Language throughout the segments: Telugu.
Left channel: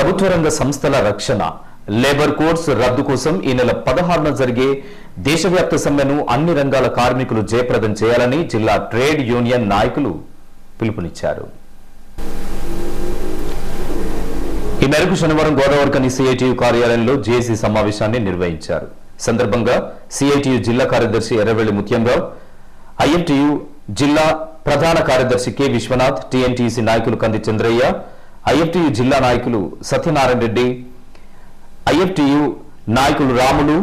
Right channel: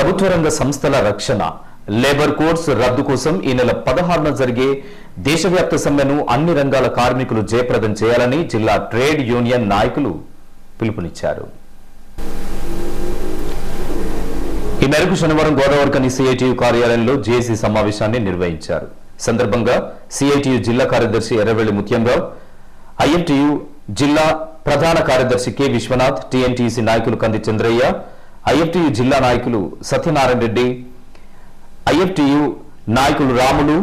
ప్రభుత్వ రంగ సంస్థల రక్షణ. లేబర్ కోడ్స్ రద్దు కోసం ఈ నెల పదహారున జరిగే దేశవ్యాప్త సమ్మెను అన్ని రంగాల కార్మికులు జయప్రదం చేయాలని జిల్లా ట్రేడ్ యూనియన్ నాయకులు పిలుపునిచ్చారు. ఈ మేరకు శనివారం గోదావరికని సిఐటియు కార్యాలయంలో జేఏసీ సమావేశాన్ని నిర్వహించారు. సందర్భంగా సిఐటియు జిల్లా కార్యదర్శి ఎర్రవెల్లి ముత్యంరావు ఐఎన్టీయు జిల్లా ప్రధాన కార్యదర్శి కె విశ్వనాథ్ టీఎన్టీసీ నాయకులు కంది చంద్రయ్య ఐఎఫ్టియు జిల్లా నాయకులు సత్యనారాయణ రెడ్డి ఐఎఫ్టియు నాయకులు రాములు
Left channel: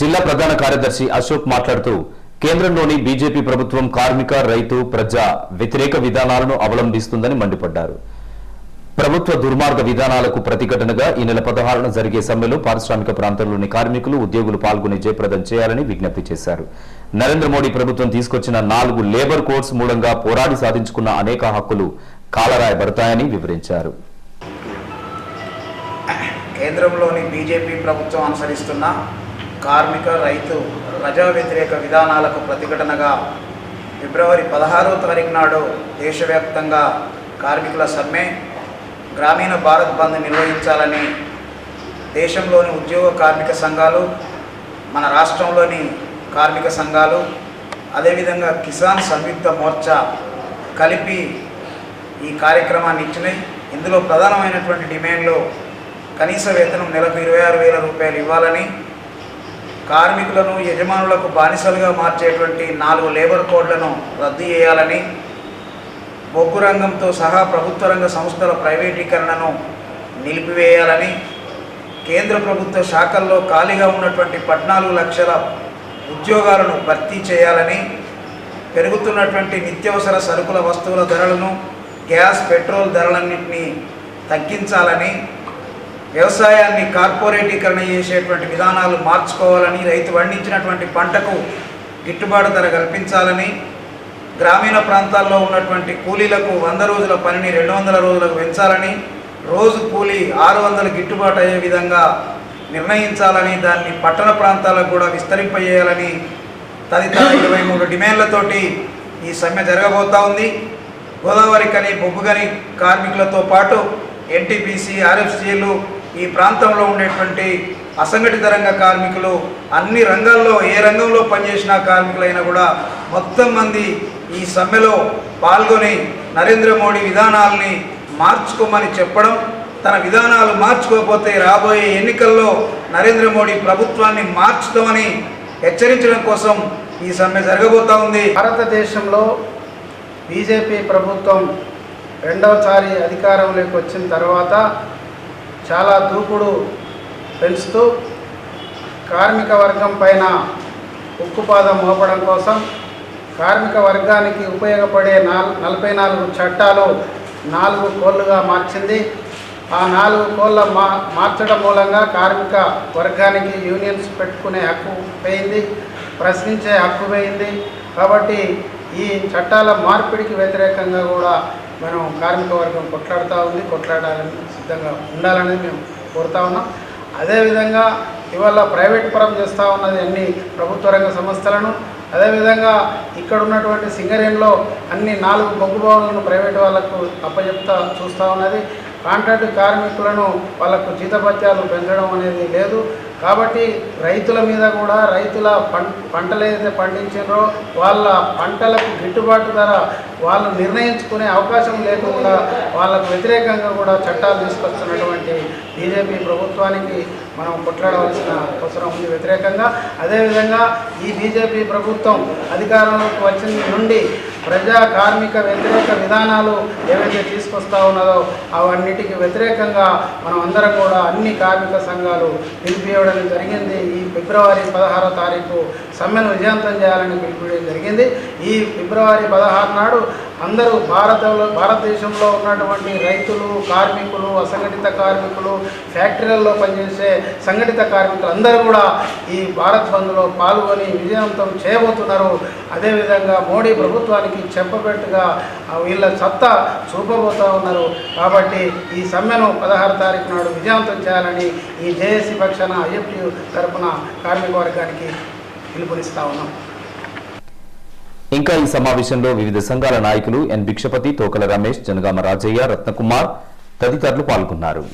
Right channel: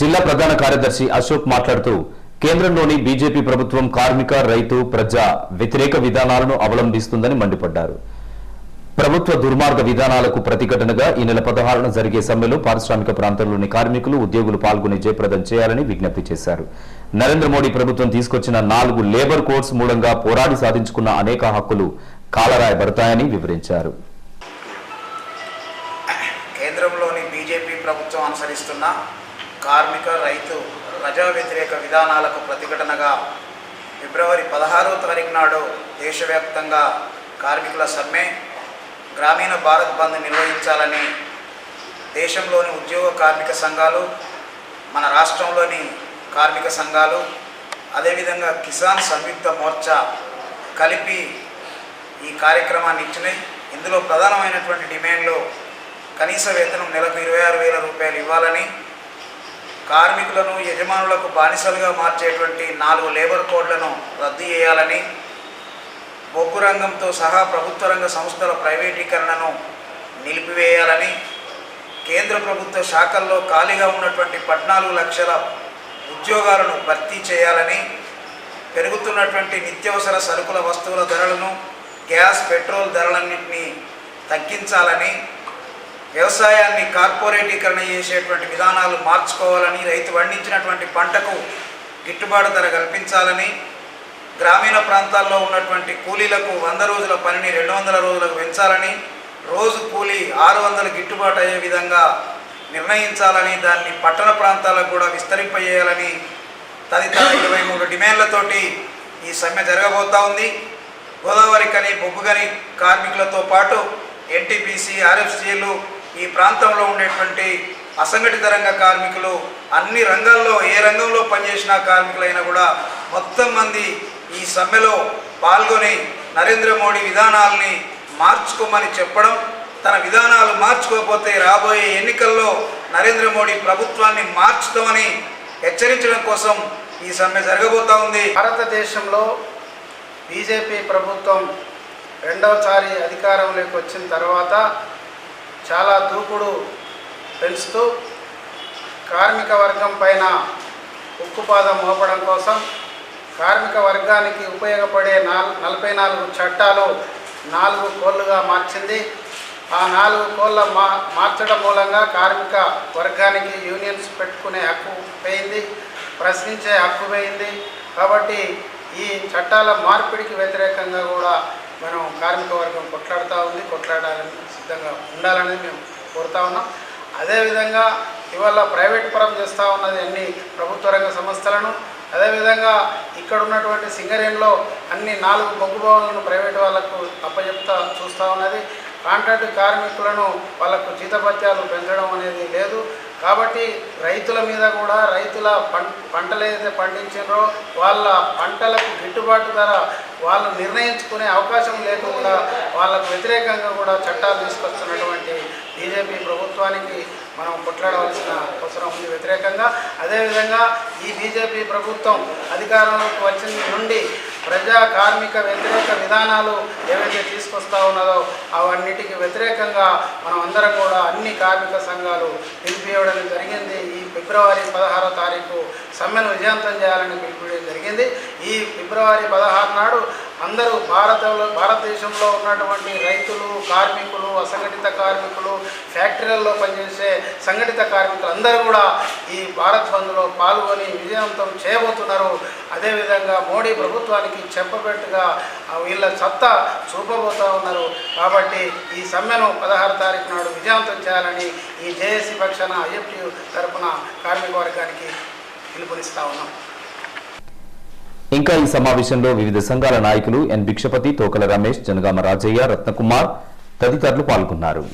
జిల్లా ప్రధాన కార్యదర్శి అశోక్ మాట్లాడుతూ కేంద్రంలోని బీజేపీ ప్రభుత్వం కార్మిక రైతు ప్రజా వ్యతిరేక విధానాలను అవలంబిస్తుందని మండిపడ్డారు. ప్రభుత్వ దుర్మార్గ విధానాలకు ప్రతిఘటనగా ఈ నెల పదహారున జరిగే సమ్మెలో పారిశ్రామిక ప్రాంతాల్లోని కార్మికులు ఉద్యోగులు పాల్గొని జయప్రదం చేయాలని విజ్ఞప్తి చేశారు. నరేంద్ర మోడీ ప్రభుత్వం తీసుకొచ్చిన నాలుగు లేబర్ కోడ్స్ మూలంగా పోరాడి సాధించుకున్న అనేక హక్కులు కాలరాయబడతాయని వివరించారు. కేంద్రంలోని బీజేపీ ప్రభుత్వం అనుసరిస్తున్న కార్మిక రైతు ప్రజా వ్యతిరేక విధానాలకు ప్రతిఘటనగా ఫిబ్రవరి పదహారవ తారీఖు నాడు దేశవ్యాప్తంగా కార్మికుల సమ్మె గ్రామీణ భారత్ బంద్ నిర్వహించాలని దేశంలోని ఉద్యోగ కార్మిక సంఘాలు మన రాష్ట్రంలోని కార్మిక సంఘాలు అదేవిధంగా కిసాన్ సంయుక్త మోర్చా కలిపి ఈ కార్యక్రమాన్ని ఇచ్చినాయి ఇందులో ప్రధానమైనటువంటి డిమాండ్లు కనీస వేతనం నెలకు ఇరవై ఆరు వేల రూపాయలు ఇవ్వాలని కార్మికులను యజమానులకు బానిసలుగా మార్చేటువంటి నాలుగు లేబర్ కోడ్లను రద్దు చేయాలని బొగ్గు రంగంతో సహా ప్రభుత్వ రంగ సంస్థల ప్రైవేటీకరణను నిలిపివేయాలని కేంద్ర ప్రభుత్వ శాఖల్లో ఖాళీగా ఉన్నటువంటి పద్నాలుగు లక్షల ఉద్యోగాలను భర్తీ చేయాలని పెరుగుతున్నటువంటి నిత్యవసర సరుకుల వస్తువుల ధరలను గ్యాస్ పెట్రోల్ ధరలన్నింటినీ తగ్గించాలని వ్యవసాయాన్ని కార్పొరేటీకరణ చేసేటువంటి విధానాలు మార్చుకోవాలని రైతు పండించినటువంటి పంటకు గిట్టుబాటు ధర కల్పించాలని గ్రామీణ ప్రాంతాల్లో ఉన్నటువంటి కూలీలకు వంద రోజుల పనిని రెండు వందల రోజులకు పెంచాలని రోజు కూలీ ఆరు వందలు గిట్టుబాటు అయ్యే విధంగా నిర్ణయించాలని దాన్ని పట్టణ ప్రాంతాలకు కూడా విస్తరింపజేయాలని తదితర ఇరవై మూడు డిమాండ్లతోటి ఈ సమ్మె జరగబోతా ఉంది. గోదావరి కని బొగ్గుగని కార్మికులతో పాటు ఎన్టీపీసీ ఆర్ఎఫ్సీలు ఈ ప్రాంతంలో ఉండేటువంటి అసంఘటిత రంగ కార్మికులు అన్ని రంగాల్లో ఏ రంగంలో పనిచేసిన కార్మికులైనా కూడా మొత్తం మంది ఈ సమ్మెలో పాల్గొని నరేంద్ర మోడీ విధానాలని మార్చుకోమని చెప్పడం తన విధానాలు మార్చుకోకపోతే రాబోయే ఎన్నికల్లో నరేంద్ర మోడీ ప్రభుత్వాన్ని మార్చుతామని హెచ్చరించడం కోసం ఈ సమ్మె జరగబోతా ఉంది. భారతదేశంలో బీజేపీ ప్రభుత్వం రెండవసారి అధికారంలోకి వచ్చిన తర్వాత చాలా దూకుడు పెంచుతూ కార్మిక వర్గం పైన ఉక్కుపాదం మోపడం కోసం కార్మిక వర్గానికి ఉపయోగపడే నాల్ నలభై నాలుగు చట్టాలు నాలుగు కోళ్ళుగా మార్చింది. ఆ నాలుగు కోళ్ళ మా మార్చడం మూలంగా కార్మిక వర్గానికి యూనియన్స్ పెట్టుకునే హక్కు పోయింది ప్రశ్నించే హక్కు పోయింది. కాబట్టి ఈ చట్టాల మార్పిడికి వ్యతిరేకంగా కూడా మనం కార్మిక వర్గం కొట్లాడుతూ ఉంది. కొట్లాడాలని సిద్ధంగా ఉండాలని మేము కోరుతా ఉన్నాం. అదేవిధంగా ఇవాళ ప్రైవేట్ పరం చేస్తూ ఉన్నది అన్ని ప్రభుత్వ రంగ సంస్థలను. అదేవిధంగా ఇక్కడ ఉన్నటువంటి సింగరేణిలో అన్ని నాలుగు బొగ్గు భవనాలను ప్రైవేట్ వాళ్ళకు అప్పచెప్తా చూస్తూ ఉన్నది. కాంట్రాక్ట్ కార్మికులను వాళ్ళకు జీతభత్యాలు పెంచడం అనేది లేదు. కాబట్టి రైతుల మీద కూడా రైతుల పంటలు ఏదైతే పండించారో వాళ్ళ పంటలకు గిట్టుబాటు ధర వాళ్ళు నిర్ణయించుకునే అవకాశం లేకుండా వాళ్ళకు వ్యతిరేకంగా కూడా చట్టాలు తీసుకొస్తున్నటువంటి బీజేపీ ప్రభుత్వానికి మనం కొట్లాడవలసిన అవసరం ఉంది వ్యతిరేకంగా. అదేవిధంగా ఈ బీజేపీ ప్రభుత్వం అధికారంలోకి వచ్చిన నుండి ప్రజా కార్మిక వ్యతిరేక విధానాలు ఏవైతే తీసుకొస్తా ఉన్నదో అవన్నిటికి వ్యతిరేకంగా మనం అందరం కూడా అన్ని కార్మిక సంఘాలు పిలిపివ్వడం జరిగింది. ఈ ఫిబ్రవరి పదహారో తారీఖు సమ్మెను విజయవంతం చేయాలని పిలిపివ్వడం జరిగింది. ఈ ఫిబ్రవరి పదహారు నాడు అందరూ భారతంలో భారతదేశంలో ఉన్నటువంటి రైతులు కార్మికులు అసంఘటిత కార్మికులు ఫ్యాక్టరీలలో పనిచేసే సంఘటిత కార్మికులు అందరూ కూడా ఈ భారత్ బంద్లో పాల్గొని విజయవంతం చేయబోతున్నారు. అదేవిధంగా మోడీ ప్రభుత్వానికి చెప్పబెట్టుగా వీళ్ళ సత్తా చూపబోతూ ఉన్నారు. కాబట్టి ఈ సమ్మెను పదహారు తారీఖు నాడు విజయవంతం చేయాలని ఈ జేఏసీ పక్షాన ఐఎఫ్టీ తరఫున కార్మిక వర్గానికి పిలుపునిస్తూ ఉన్నాం. ఇంకా ఈ సమావేశంలో వివిధ సంఘాల నాయకులు ఎన్. భిక్షపతి తోకల రమేష్ జనగామ రాజయ్య రత్నకుమార్ తదితరులు పాల్గొన్నారు.